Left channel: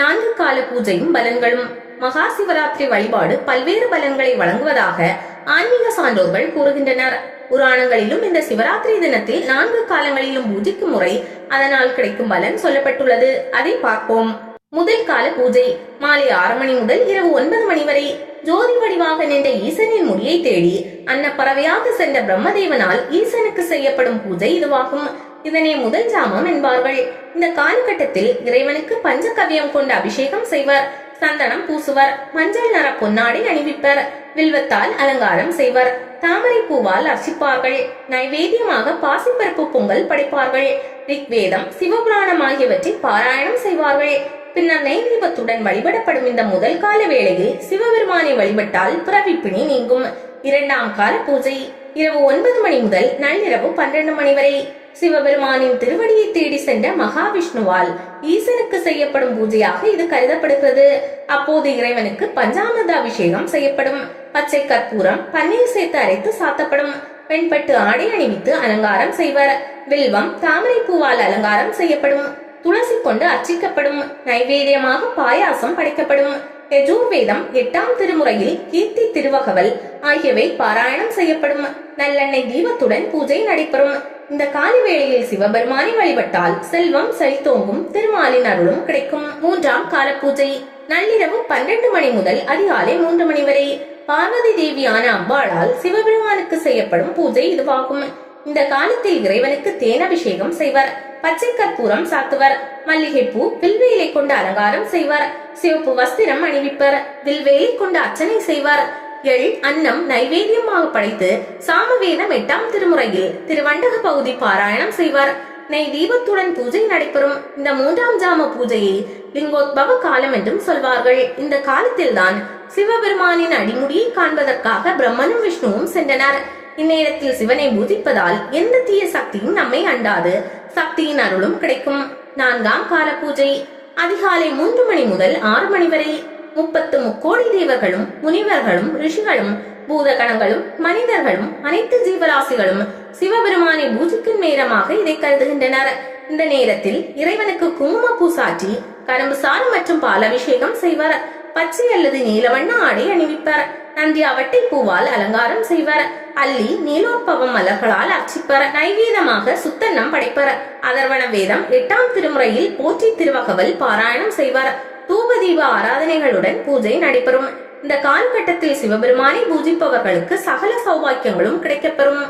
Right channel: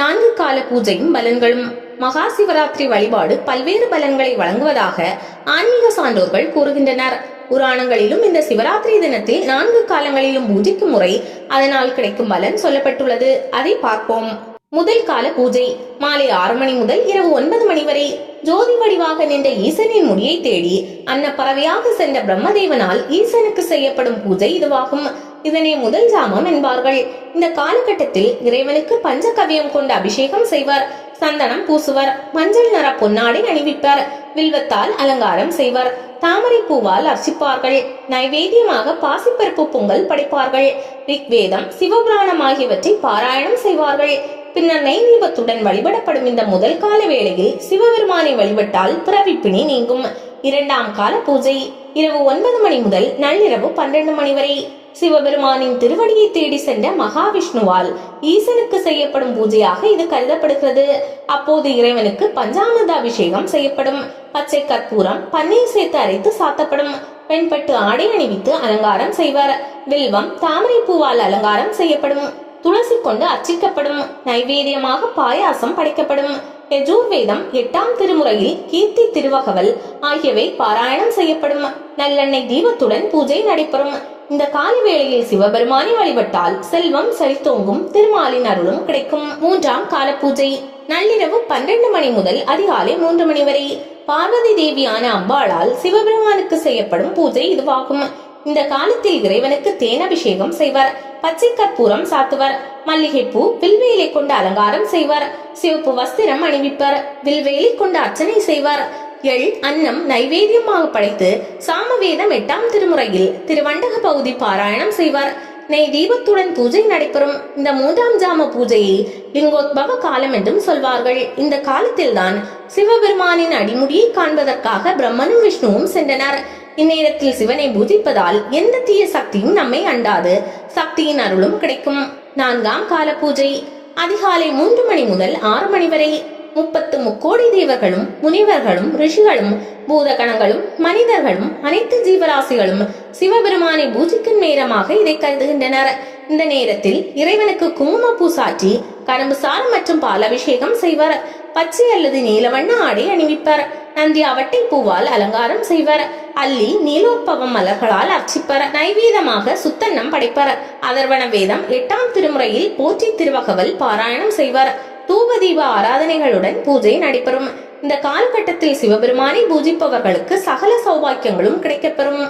நான்கு கால பூஜையும் பலன்களும். மகா சிவராத்திரி வழிபாடு பல்வேறு பலன்களை வழங்குவதாக ஆன்மீக சான்றோர்கள் கூறுகின்றனர். புராணங்களிலும் இந்த சிவராத்திரி தினத்தில் 4 காலங்களிலும் பூஜிக்கும் முறை, அதனால் கிடைக்கும் பலன் சொல்லப்பட்டுள்ளது. அதை பார்ப்போம். முதல் கால பூஜை மாலை 6 மணி முதல் இரவு 9 மணி வரை. ஜோதி வடிவாக நின்ற ஈசனின் முடியை தேடி அன்னப்பறவையாக சென்ற பிரம்மதேவனால் ஈசனுக்கு செய்யப்படும் பூஜை இதுவாகும். இதனை முதல் ஜாமம் என்பார்கள். இந்த காலகட்டத்தில் இறைவனுக்கு பஞ்சகவ்யம் கொண்டு அபிஷேகம் செய்வர், சந்தனம் பூசுவர், மஞ்சள் நிற பொன்னாடை அணிவிப்பர், வில்வத்தால் அலங்காரம் செய்வர், தாமரை பூவால் அர்ச்சிப்பார்கள், நைவேத்தியமாக பாசிப்பருப்பு பொங்கல் படைப்பார்கள், ரிக்வேதம், சிவபுராணம் ஆகியவற்றை பாராயணம் செய்வார்கள். பின்னர் நெய் தீபத்துடன் வழிபடப்படும் இந்த முதல் கால வேளையில் சிவபெருமானை வழிபட்டால் பிறவிப்பிணி நீங்கும். இரண்டாம் கால பூஜை இரவு 9 மணி முதல் நள்ளிரவு 12 மணி வரை. சிவபெருமானின் திருவடியை தேடி சென்ற மகாவிஷ்ணுவால் ஈசனுக்கு செய்யப்படும் பூஜையாக இது கருதப்படுகிறது. அப்போது இறைவனுக்கு பஞ்சாமிர்த அபிஷேகம் செய்யப்படும். பச்சை கற்பூரம், பன்னீர் சேர்த்து அரைத்து சாத்தப்படும். வெண்பட்டு ஆடை அணிவித்து அலங்காரம் செய்வர். வில்வம், தாமரை பூவால் அலங்காரம் செய்யப்படும். துளசி கொண்டு அர்ச்சிக்கப்படும். நைவேத்தியமாக பாயாசம் படைக்கப்படும். யஜுர்வேதம், 8ஆம் திருமுறையில் கீர்த்தி திருவகவல் ஆகியவை பாராயணம் செய்யப்படும். நல்லெண்ணெய் தீபத்துடன் பூஜை நடைபெறும். இந்த கால வேளையில் சிவபெருமானை வழிபட்டால் செல்வம் செழித்தோங்கும், திருமாலின் அருளும் கிடைக்கும். மூன்றாம் கால பூஜை நள்ளிரவு 12 மணி முதல் அதிகாலை 3 மணி வரை. பார்வதி தேவியான அம்பாளால் சிவபெருமானுக்கு செய்யப்படும் பூஜை இதுவாகும். இந்த காலத்தில் இறைவனுக்கு தேனபிஷேகம் செய்வர், பச்சை கற்பூரம் சாத்துவர், மல்லிகைப்பூ, வில்வேலை கொண்டு அலங்காரம் செய்வர், சிவப்பு வஸ்திரம் அணிவிப்பர், வில்வேலை கொண்டு அர்ச்சனை செய்வர், எள் அன்னம் நைவேத்தியமாக படைத்து சாமவேதம் 8ஆம் திருமுறையில் திருவண்டக பகுதி பாராயணம் செய்வார். நெய் தீபத்துடன் பூஜை நடைபெறும். இந்த 3ஆம் ஜாம பூஜையை லிங்கோத்பவ காலம் என்றும் சொல்வார்கள். இந்த காலத்தில் தான் சிவபெருமானின் அடிமுடியை காண்பதற்காக பிரம்மனும் விஷ்ணுவும் சென்றனர். இந்நேரத்தில் சிவனை பூஜிப்பதால் எந்த தீய சக்தியும் நம்மை அண்டாது, சக்தியின் அருளும் கிடைக்கும். 4ஆம் கால பூஜை அதிகாலை 3 மணி முதல் 6 மணி வரை. 30 முக்கோடி தேவர்களும், முனிவர்களும், ரிஷிகளும், பூதகணங்களும், மனிதர்களும், அனைத்து ஜீவராசிகளும் சிவபெருமானை பூஜிக்கும் நேரமாக இதை கருதுகின்றனர். இந்த நேரத்தில் இறைவனுக்கு குங்குமப்பூ சாற்றி கரும்பு சாறு மற்றும் பால் அபிஷேகம் செய்வர். பச்சை அல்லது நீலவண்ண ஆடை அணிவிப்பர். நந்தி அவட்டை பூவால் அலங்காரம் செய்வர். அல்லி, நீலோற்பவம் மலர்களால் அர்ச்சிப்பர். நைவேதமாக சுத்தன்னம் படைப்பர். அதர்வண வேதம் 8ஆம் திருமுறையில் போற்றி திருவகவல் பாராயணம் செய்வர். தூபதீப ஆராதனைகளுடன் பூஜை நடைபெறும். இந்த காலகட்டத்தில் சிவபெருமானை பூஜிப்பவர்களுக்கு சகல சௌபாக்கியங்களும் கிடைக்கப்பெறும்.